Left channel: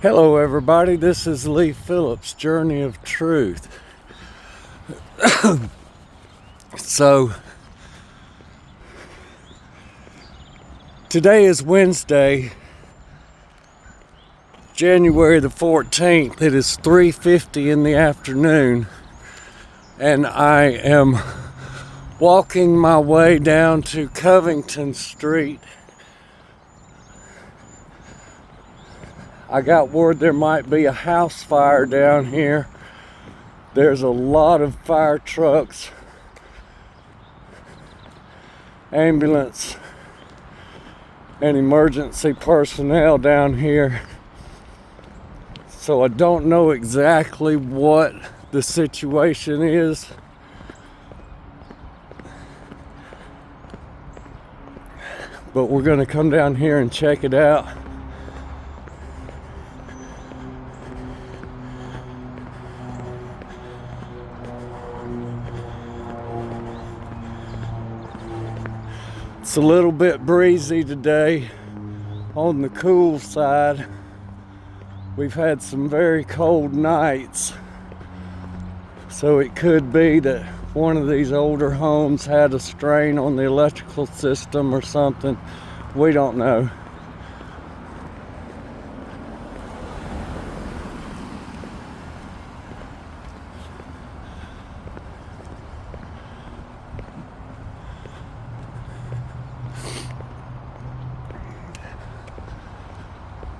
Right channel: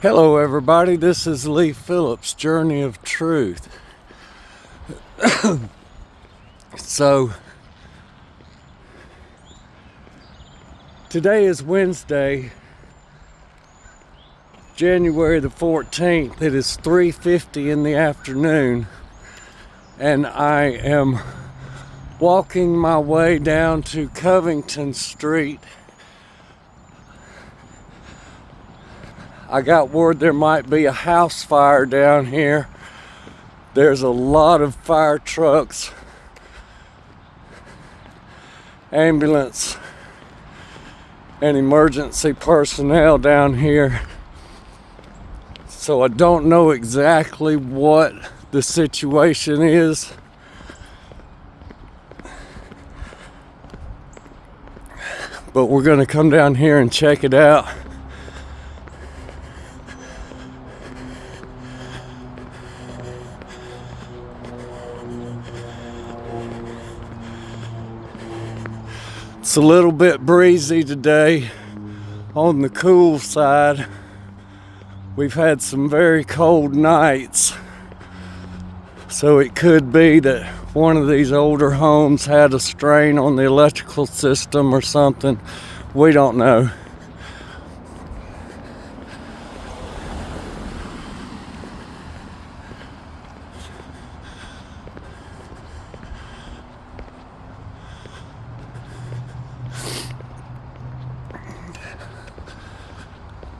Hello everybody, this is Lee Phillips' Journey of Truth. So, today is Wednesday, January the 14th. It is 3:50 in the afternoon, and I am walking my way down to Covington Street. I got word there might be a house fire down here. There's a lot of fire trucks, ambulance, and emergency personnel down here. So I don't know exactly what the situation is. But we're going to come down here and check it out. It's a little bit breezy today, on the cool side. We've had some very cold nights, so it could be that one of these older homes had a strain on the electrical system or something. We don't know.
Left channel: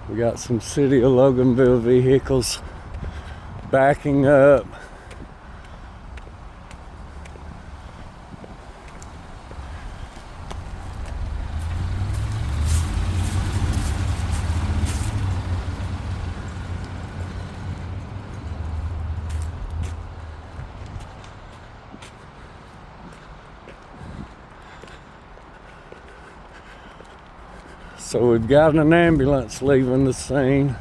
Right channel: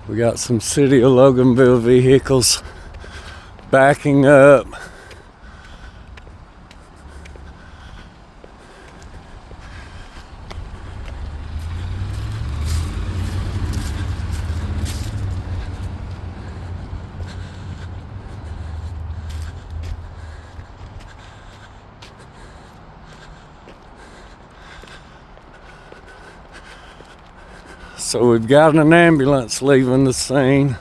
We got some City of Loganville vehicles backing up. So we've got an ambulance leaving the scene.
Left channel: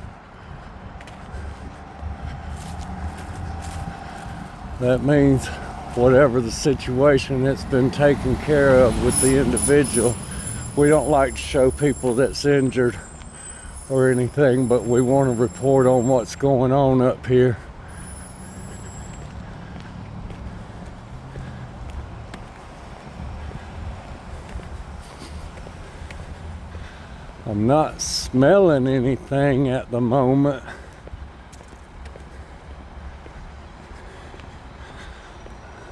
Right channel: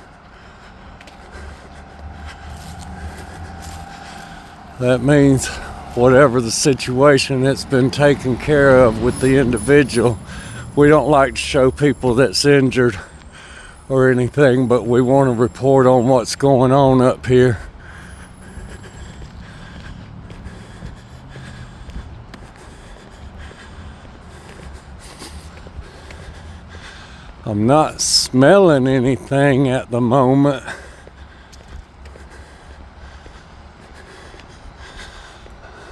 That means whatever the situation, it's been taken care of with the individual. We don't like to show people that's injured or anything, but we want to report on what's going on up here. I'm not smelling anything at the moment.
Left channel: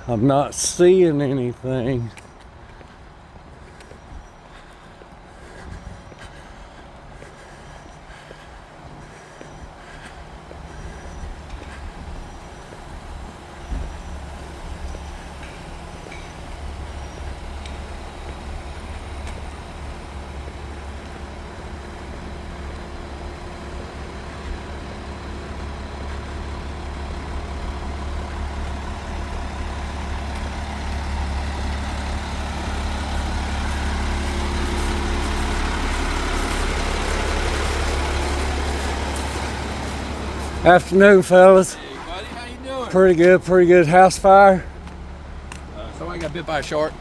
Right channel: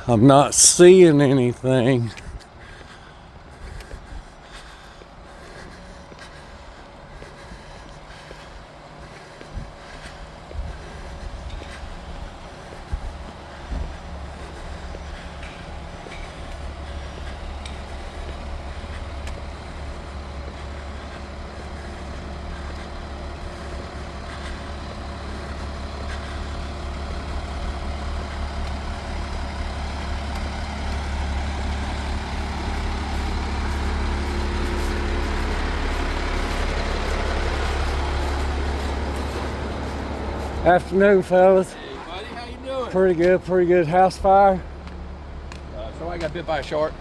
I'm not seeing anything. Afternoon, fellas. Hey, buddy, how you doing? Pretty good. House fire? Somebody got bit by a shark.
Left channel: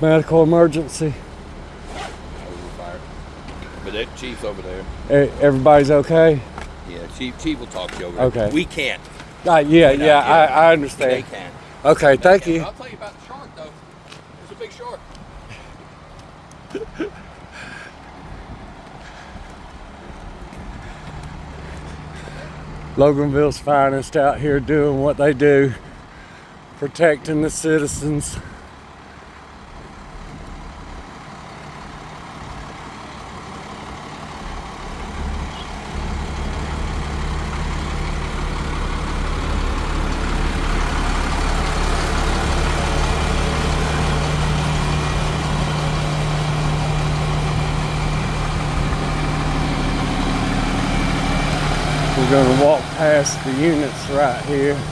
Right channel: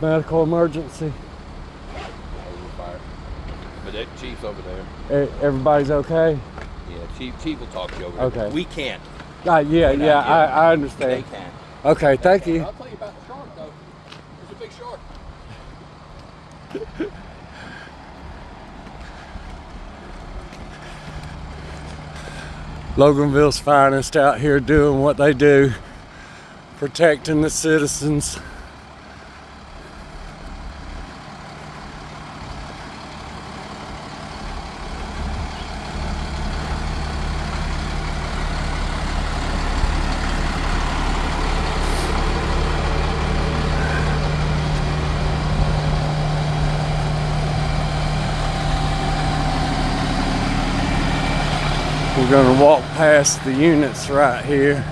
Medical emergency. Fire. But that chief's over there. Everybody's okay? Yeah, chief will talk to you over there. Okay. We can't. I understand. They can. Okay, thank you. I'll tell you about the shark, though. It's a big shark. Loganville's finest out here doing what they do, protecting the citizens. We're going to walk past the units right here.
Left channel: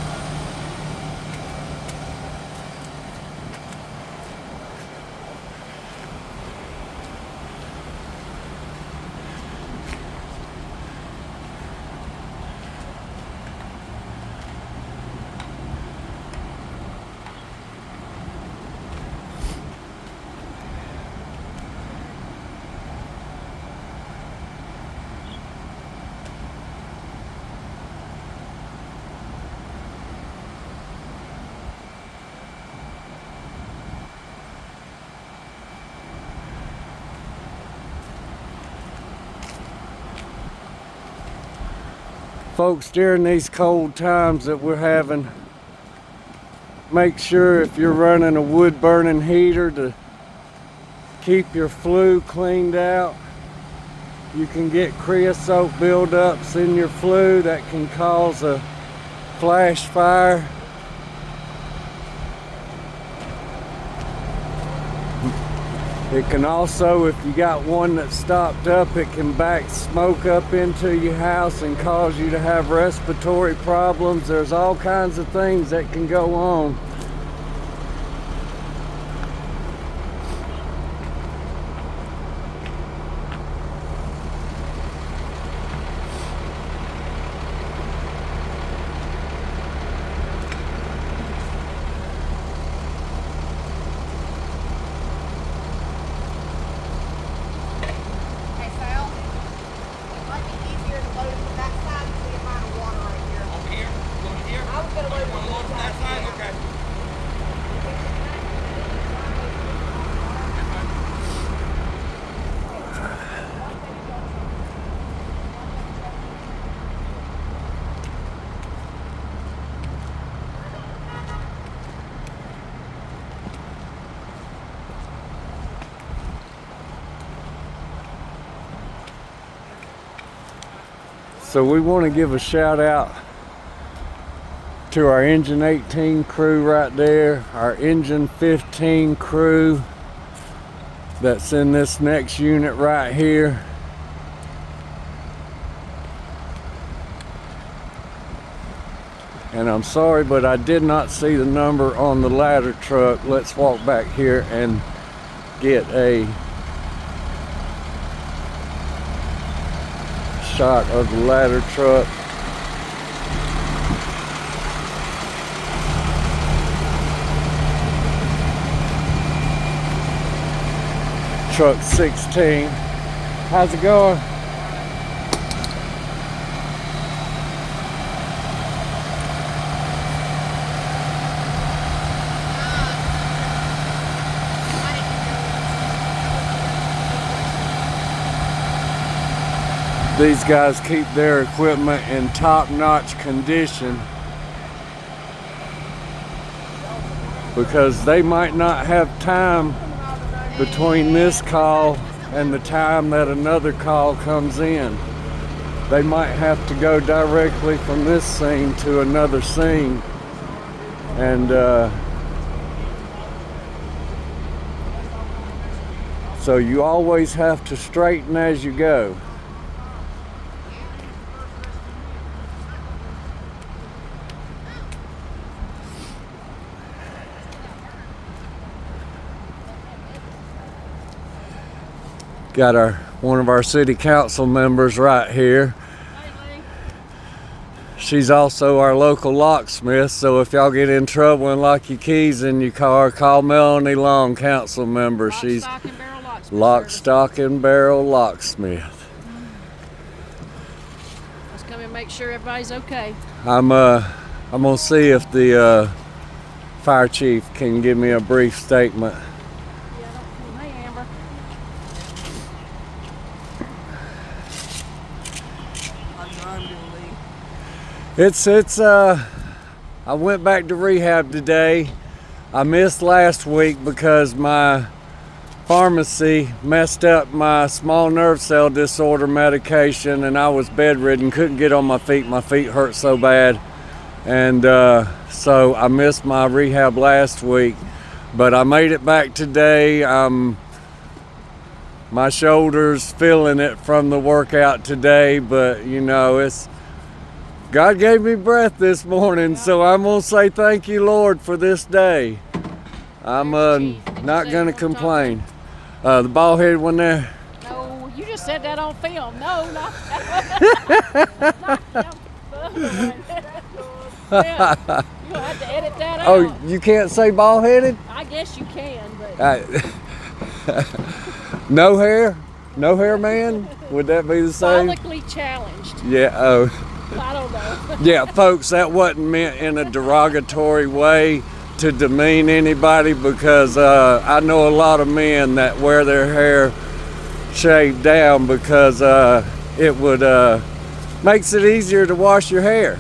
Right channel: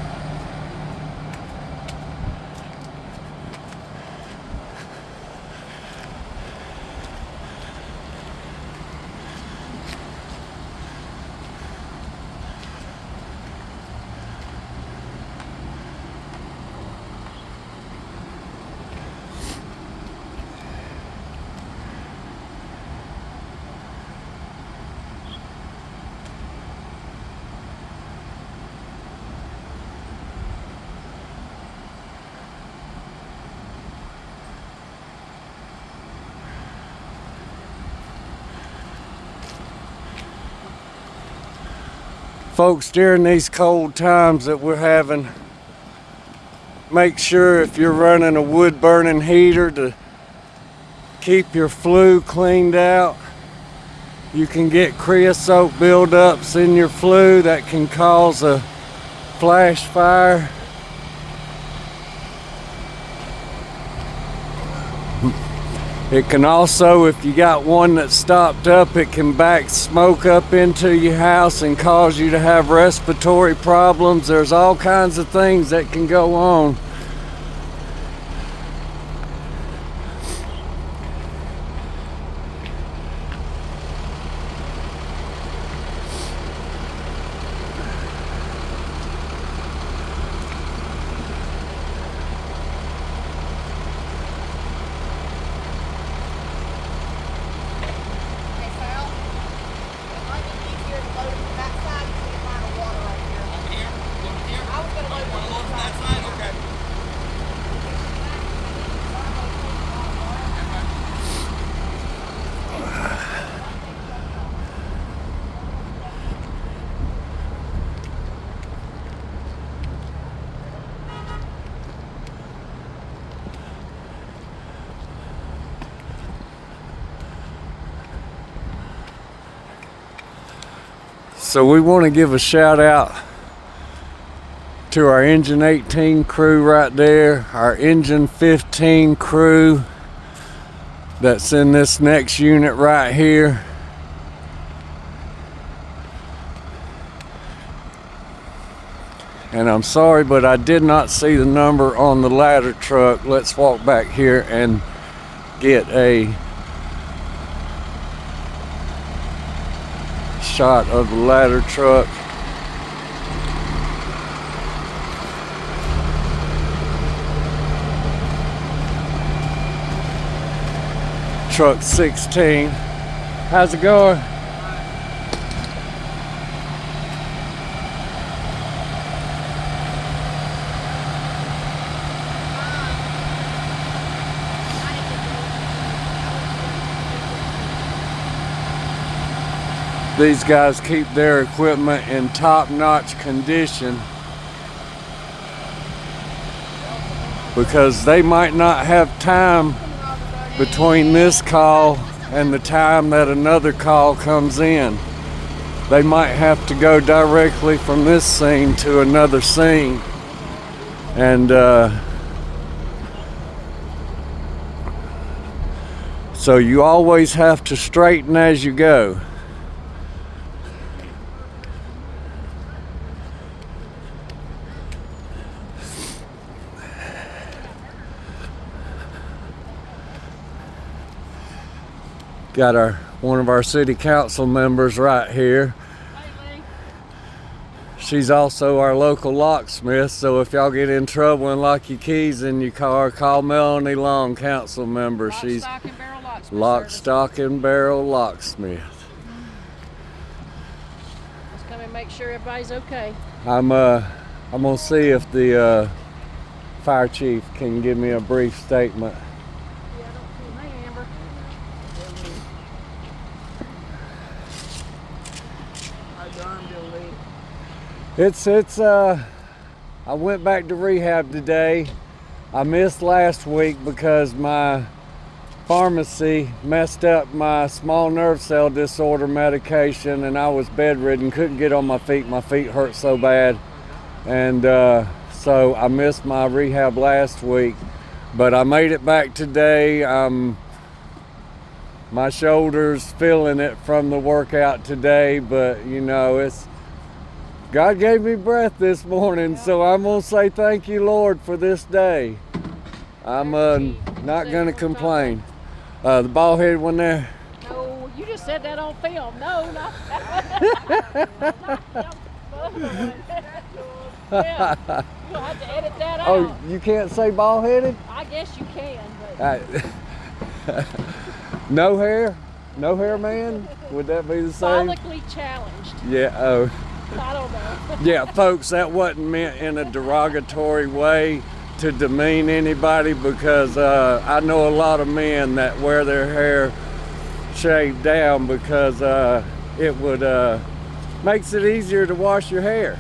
Folks, during these cold times that we're having, make sure if you're running a wood burning heater to keep your flue cleaned out. You can get creosote buildups in your flue that can cause a flash fire. It can also, if you got one that's stopped up, it can back smoke up into your house and cause you to have respiratory problems. There's all kinds of things that can go on. So we want to give a shout out to our Engine 18 crew right there, our Engine 15 crew that's in this next unit right here. And I'm sorry, but I did not see the number on the ladder truck. Let's walk back here and get a shot of the ladder truck. Truck 16. How's it going? These guys keep their equipment in top-notch condition because they might not have time between this call and the time that another call comes in. They might have to go directly from this scene to another scene. And so you always have to straighten as you go. Got one of our city council members right here. She's also our local locksmith, so if y'all get in trouble and lock your keys in your car, call Melanie Long, council member. She's lock, stock, and barrel locksmith. Just come and make sure everybody's okay. I'm gonna see if the fire chief can give me a brief statement. I went back to rehab today. I missed last week because my pharmacy messed up my small nerve cell disorder medication and I was bedridden, couldn't get on my feet. My feet hurt so bad. And so I missed my rehab last week, but I made it back today. My shoulder's feeling it from the workout today, but you know, God gave me breath this morning, so I'm going to say thank you, Lord, for this day. I'm not going to complain. The bald-headed one there? No, you just said that on film. No, not that. Yeah, you'll have to edit that out. Oh, you can't say bald-headed? I guess you can, but... No hair? No hair man? Would that be the same? Publicly challenged. Yeah, oh. I don't know. Yeah, folks, that wasn't meant in a derogatory way to demean anybody, because I know a lot of men that wear their hair shaved down because it would, Makes it easier to wash your hair.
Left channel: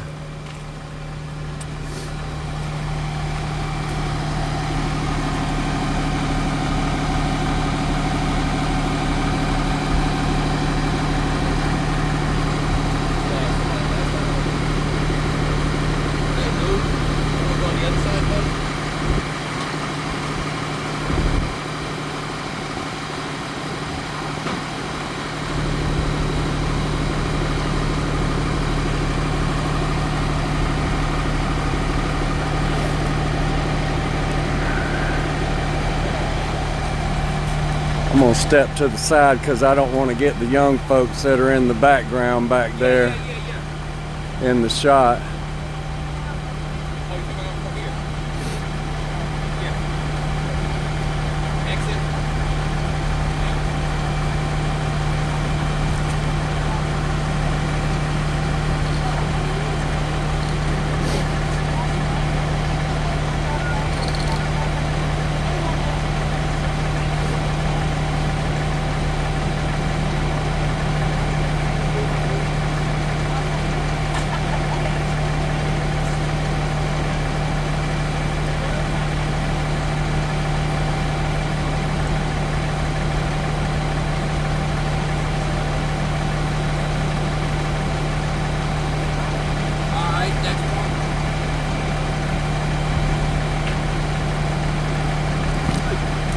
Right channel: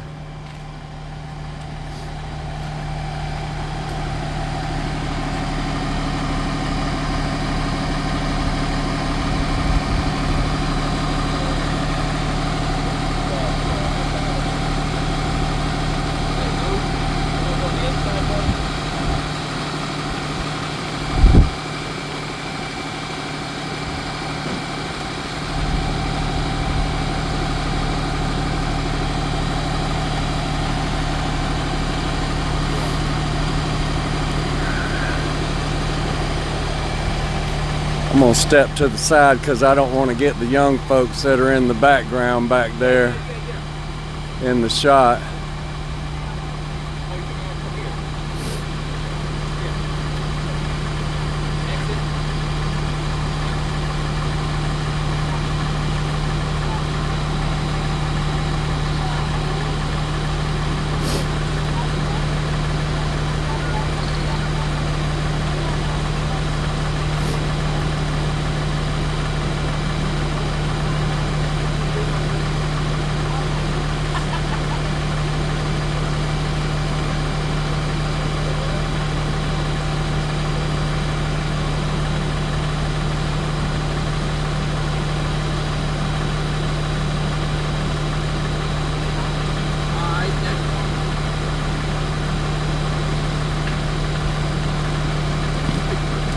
I'm gonna step to the side because I don't want to get the young folks that are in the background back there in the shot.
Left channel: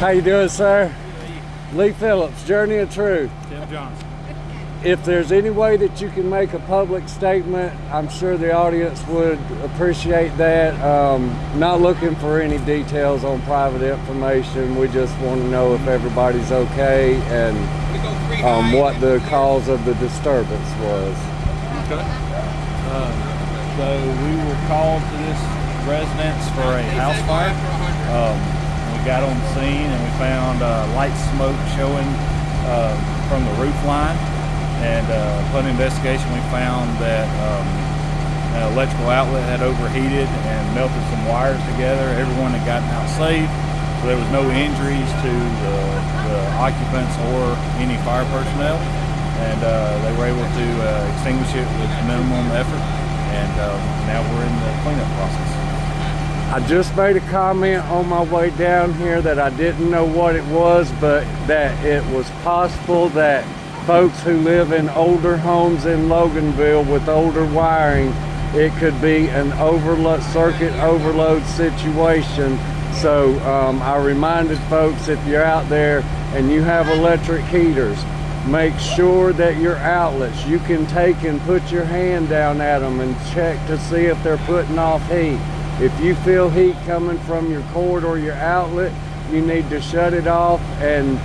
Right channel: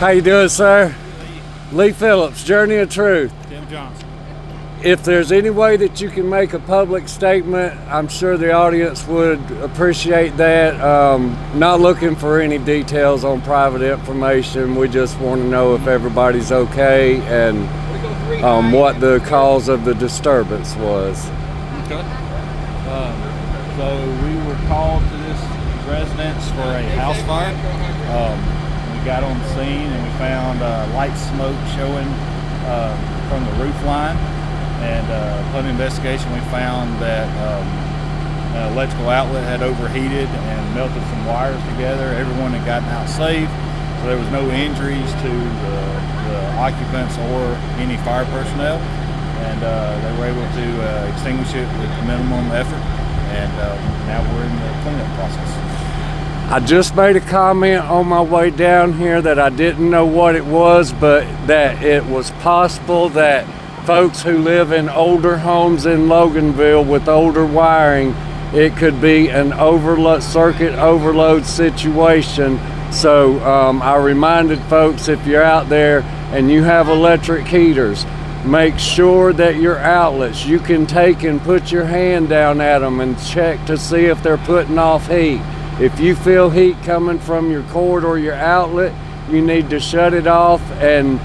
How you doing, sir? Lee Phillips, Journey of Truth. Tim Johnson. If there's any way that you can make a public statement, I'm sure the audience would appreciate that. Not looking for any details on private information. We just want to know if everybody's okay and what the cause of the disturbance was. Okay. So we were called to this residence for a house fire. We got on the scene and we found light smoke showing from the roof line. And upon investigation, we found that an electrical outlet had overheated and melted some wires together. Everyone had gotten out safe, so there was no injuries to the occupants or any fire personnel. And they were able to extinguish it with minimum effort. And now we're in the cleanup process. I just made a comment on my way down here that I didn't know what it was, but that it was possible that folks who live in older homes in Loganville with older wiring, it could be an circuit overload situation. So I reminded folks, if you're out there and you have electric heaters, make sure that your outlets, you can take and put your hand down at them and check to see if they're putting off heat. If you feel heat coming from your cord or your outlet, you need to shut it off and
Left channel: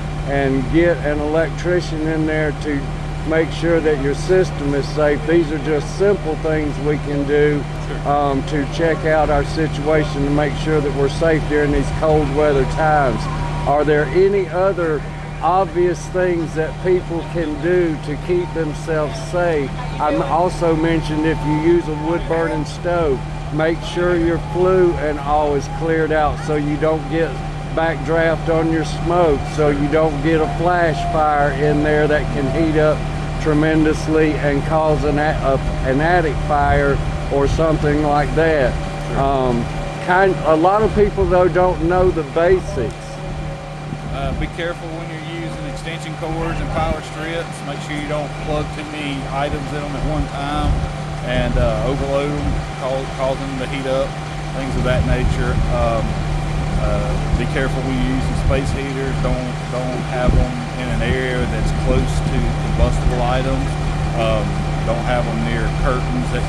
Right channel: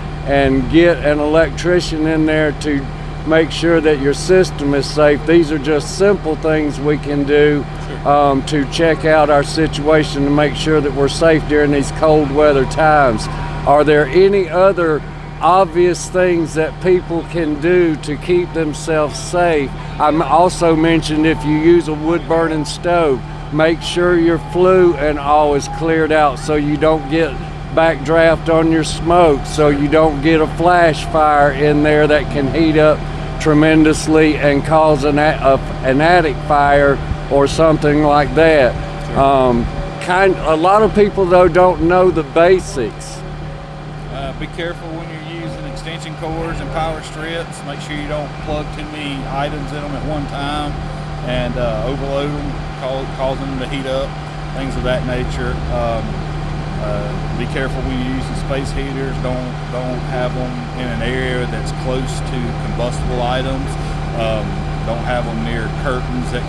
get an electrician in there to make sure that your system is safe. These are just simple things we can do to check out our situation and make sure that we're safe during these cold weather times. Are there any other obvious things that people can do to keep themselves safe? I also mentioned if you use a wood burning stove, make sure your flue and all is cleared out so you don't get backdraft on your smoke, so you don't get a flash fire in there that can heat up tremendously and cause an attic fire or something like that. A lot of people though don't know the basics. Be careful when you're using extension cords and power strips. Make sure you don't plug too many items in them at one time and overload them, cause them to heat up, things of that nature. Be careful when you use the space heaters. Don't have them in an area that's close to combustible items. Don't have them near curtains that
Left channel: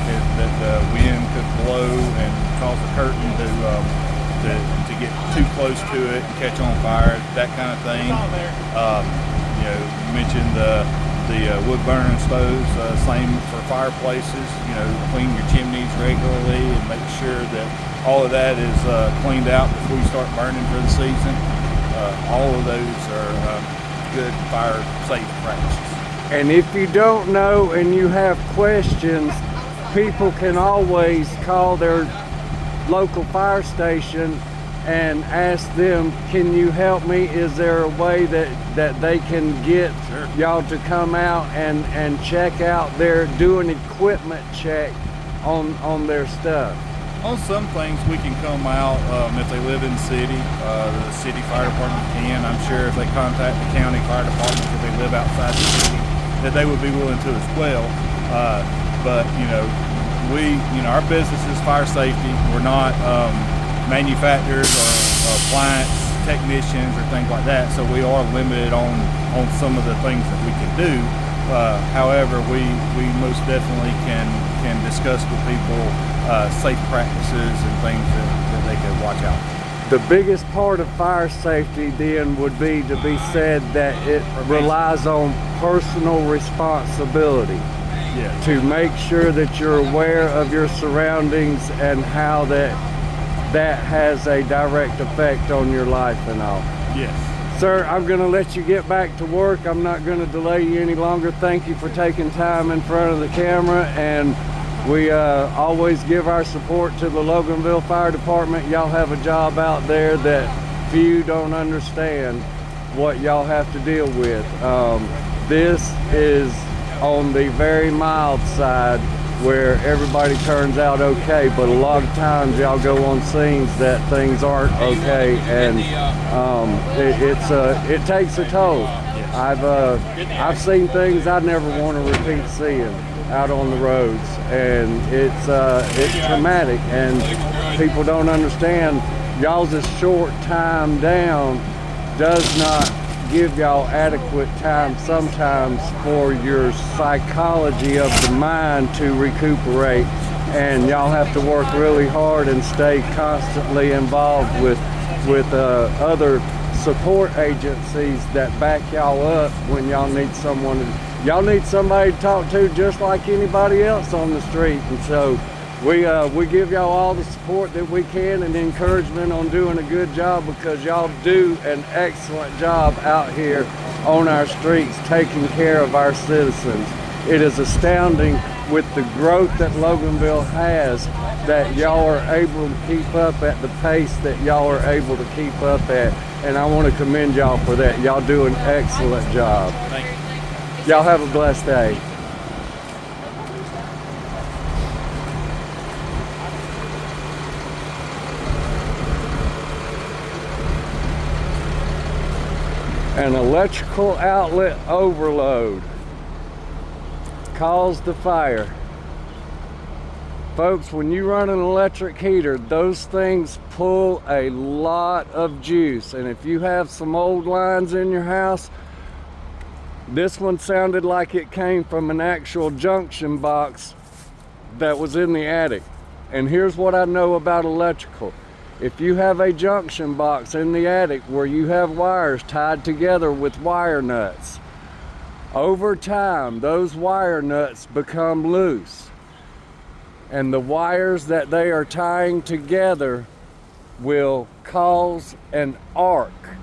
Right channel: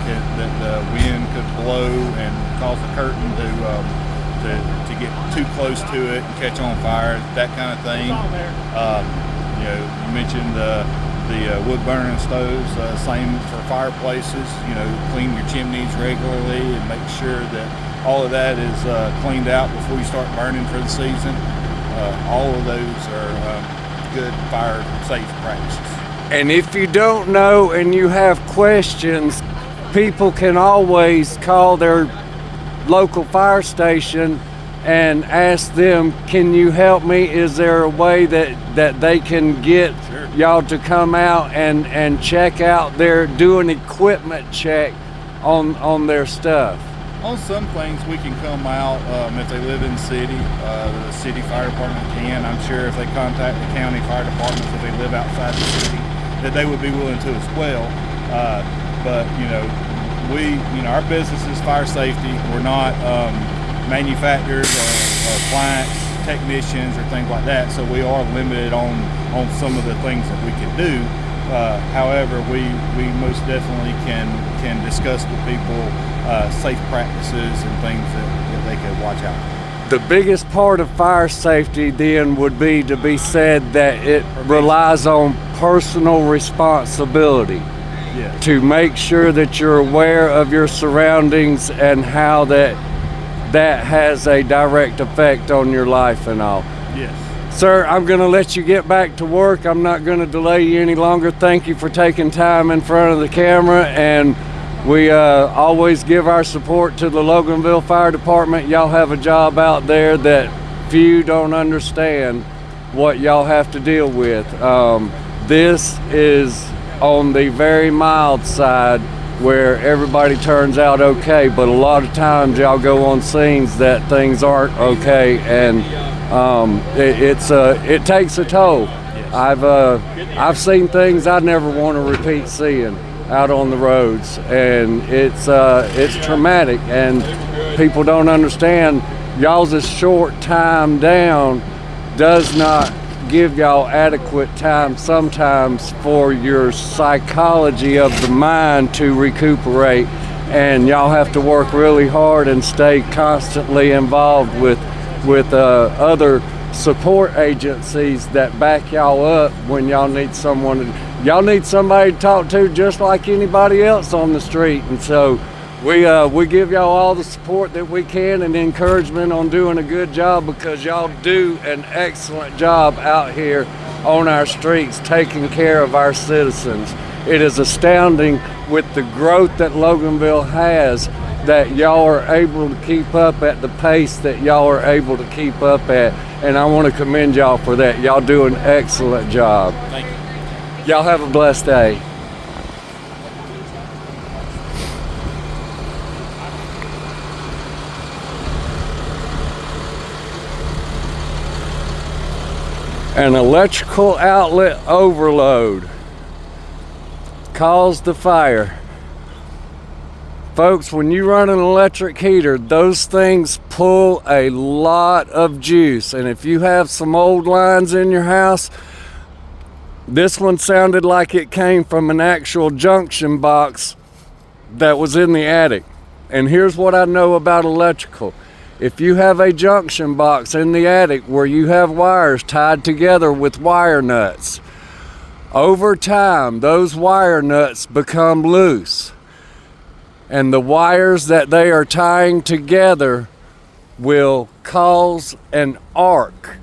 the wind could blow and cause the curtain to get too close to it and catch on fire, that kind of thing. You mentioned the wood burning stoves, same for fireplaces. Clean your chimneys regularly and make sure that all of that is cleaned out before you start burning for the season. All of those are good fire safe practices. And if you don't know and you have questions, people can always call their local fire station and ask them, can you help me? Is there a way that they can get y'all to come out and check out do an equipment check on their stuff? On some things we can come out if they live in the city. The city fire department can. I'm sure if they contact the county fire department if they live outside the city, that they would be willing to as well. But our business is fire safety. We're not manufacturers or appliance technicians or things like that. So we are limited on some of the things that we can do. However, we most definitely can discuss with people safe practices and things that they could watch out for. The biggest part of fire safety then would be to be said that it relies on personal responsibility. Yes. To make sure that you're aware of your surroundings and how that has a direct effect on your life and all. Yes. Sir, I'm going to let you get back to work. I'm not going to delay you any longer. Thank you for taking time in front of the camera, and we always give our support to the Loganville Fire Department. Y'all have a job out there that few don't understand what y'all have to deal with. This is on the very mild side where everybody turns out okay, but a lot of times y'all go on scenes that things aren't okay, and it takes a toll. I've seen things I never want to repeat seeing out on the roads, and it's traumatic, and people don't understand. Y'all's short time down does not give y'all adequate time sometimes for your psychology of the mind to recuperate, and y'all have to work really hard and stay constantly involved with other support agencies that back y'all up when y'all need somebody to talk to, just like anybody else on the street. And so we give y'all all the support that we can and encouragement on doing a good job, because y'all do an excellent job out here on our streets taking care of our citizens. It is astounding with the growth that Loganville has that y'all are able to keep up at the pace that y'all are able to keep up at, and I want to commend y'all for that. Y'all do an excellent job. Thank you. Y'all have a blessed day. An electrical outlet overload caused the fire. Folks, when you run an electric heater, those things pull a lot of juice. And if you have some old lines in your house, this one sounded like it came from an actual junction box that was in the attic. And here's what I know about electrical. If you have a junction box in the attic where you have wires tied together with wire nuts, over time those wire nuts become loose, and the wires that they are tying together will cause an arc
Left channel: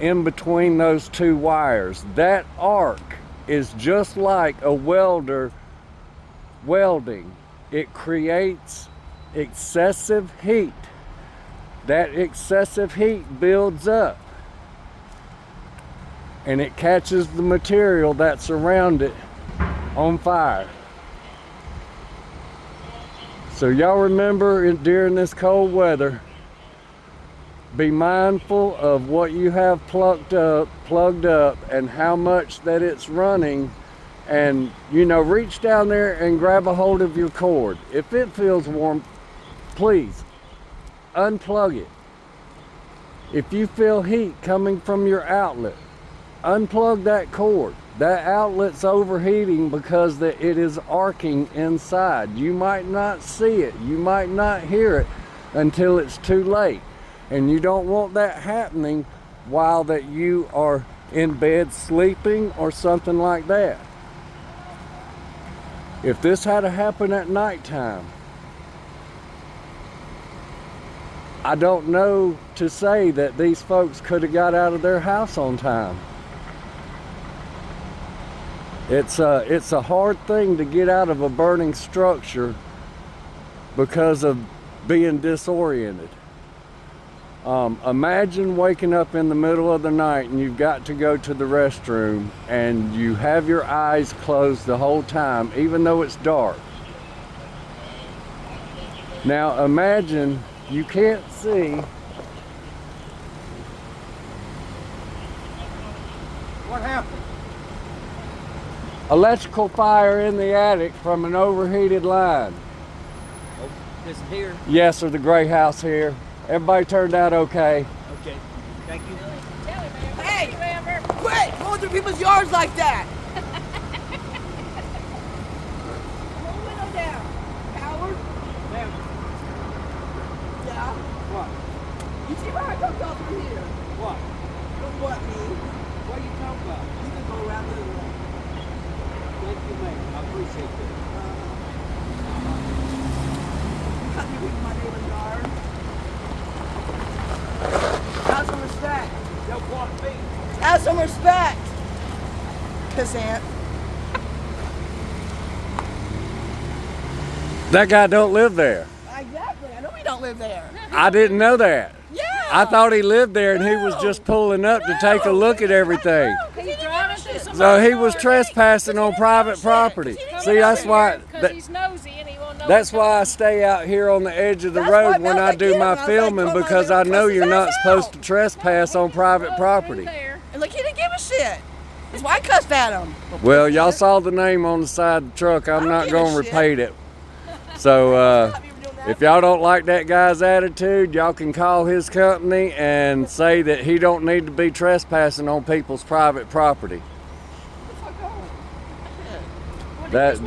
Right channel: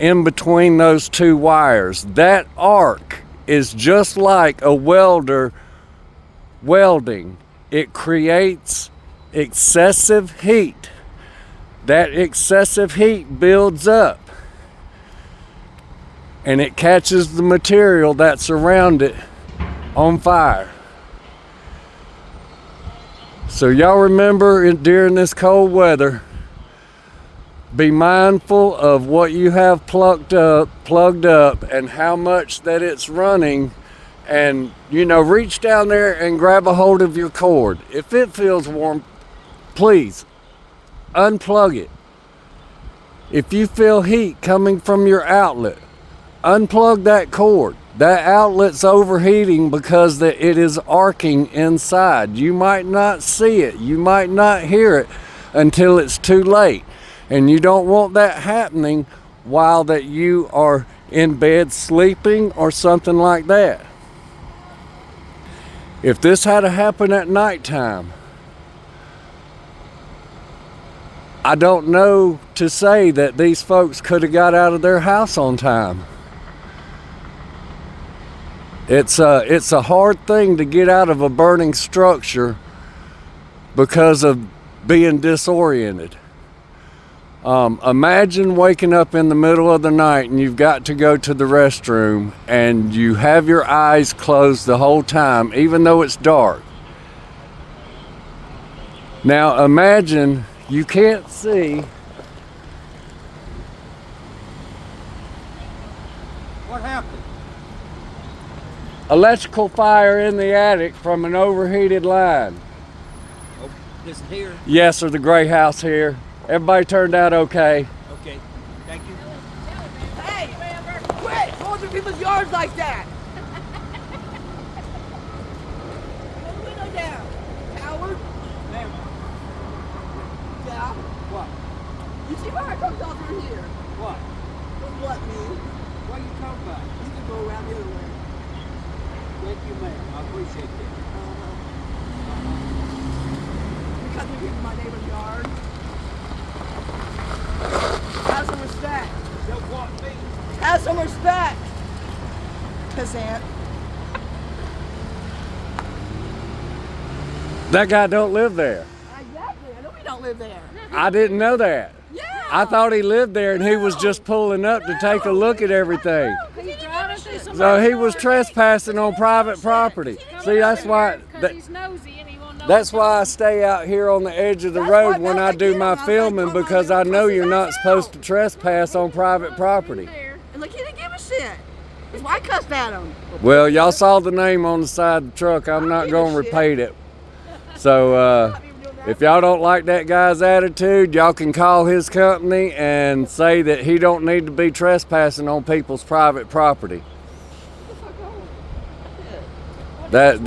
in between those two wires. That arc is just like a welder welding. It creates excessive heat. That excessive heat builds up, and it catches the material that's around it on fire. So y'all remember, during this cold weather, be mindful of what you have plugged up and how much that it's running, and reach down there and grab a hold of your cord. If it feels warm, please unplug it. If you feel heat coming from your outlet, unplug that cord. That outlet's overheating because it is arcing inside. You might not see it, you might not hear it until it's too late, and you don't want that happening while that you are in bed sleeping or something like that. If this had to happen at nighttime, I don't know to say that these folks could have got out of their house on time. It's a hard thing to get out of a burning structure because of being disoriented. Imagine waking up in the middle of the night and you've got to go to the restroom and you have your eyes closed the whole time, even though it's dark. Now imagine you can't see. What happened? Electrical fire in the attic from an overheated line. This here? Yes, or the gray house here. Everybody turned out okay. Okay. Thank you. Hey, quit going through people's yards like that. Window down, coward. Yeah. What? You see why I come down through here? What? Don't what me. What are you talking about? You can go around the other way. Thank you, ma'am. I appreciate that. You cut through people in my neighbor's yard. Have some respect. Don't want me. Have some respect. Pissant. That guy don't live there. Exactly. I know we don't live there. I didn't know that. Yeah. I thought he lived there and he was just pulling up to take a look at everything. He's driving through some. So he was trespassing on private property. See, that's why. Because he's nosy and he won't know. That's why I stay out here on the edge of the road when I do my filming, because I know you're not supposed to trespass on private property. And look, he didn't give a shit. That's why I cussed at him. Well, y'all saw the name on the side of the truck. I'm not going to repeat it. So if y'all don't like that guy's attitude, y'all can call his company and say that he don't need to be trespassing on people's private property. That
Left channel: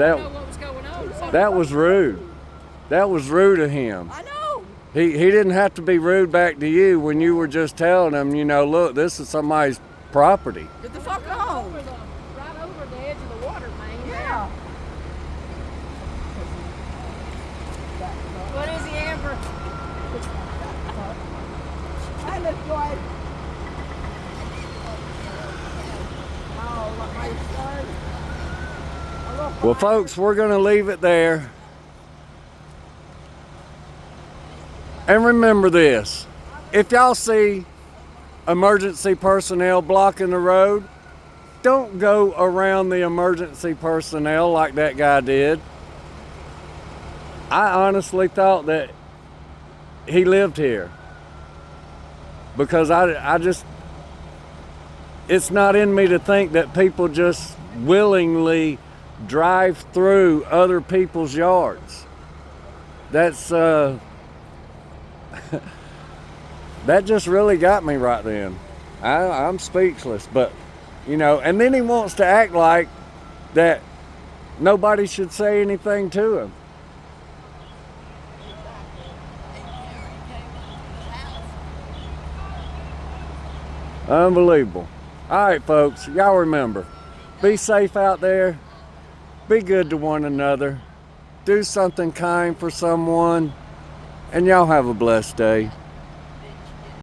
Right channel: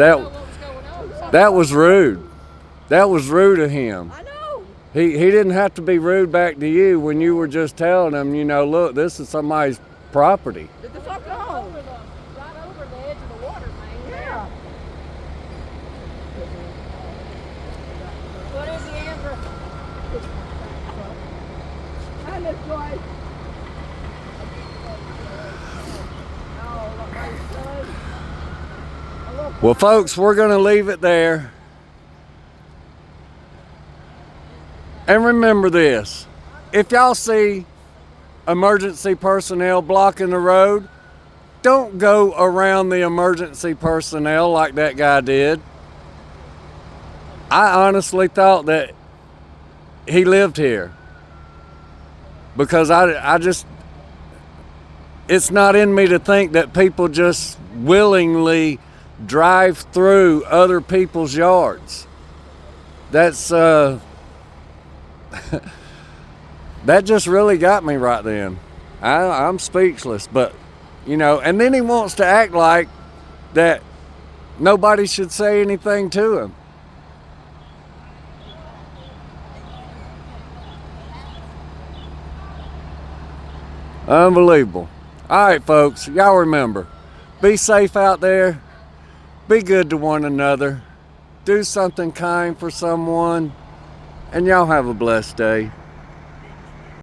was rude. That was rude of him. I know. He didn't have to be rude back to you when you were just telling him, you know, look, this is somebody's property. Get the fuck home. Right over the edge of the water main. Yeah. What is he, Amber? And this guy. Well, folks, we're going to leave it there. And remember this, if y'all see emergency personnel blocking the road, don't go around the emergency personnel like that guy did. I honestly thought that he lived here, because I just, it's not in me to think that people just willingly drive through other people's yards. That's that just really got me right then. I'm speechless. But you know, and then he wants to act like that nobody should say anything to him. Unbelievable. All right, folks, y'all remember, be safe out there. Be good to one another. Do something kind for someone. And y'all have a blessed day.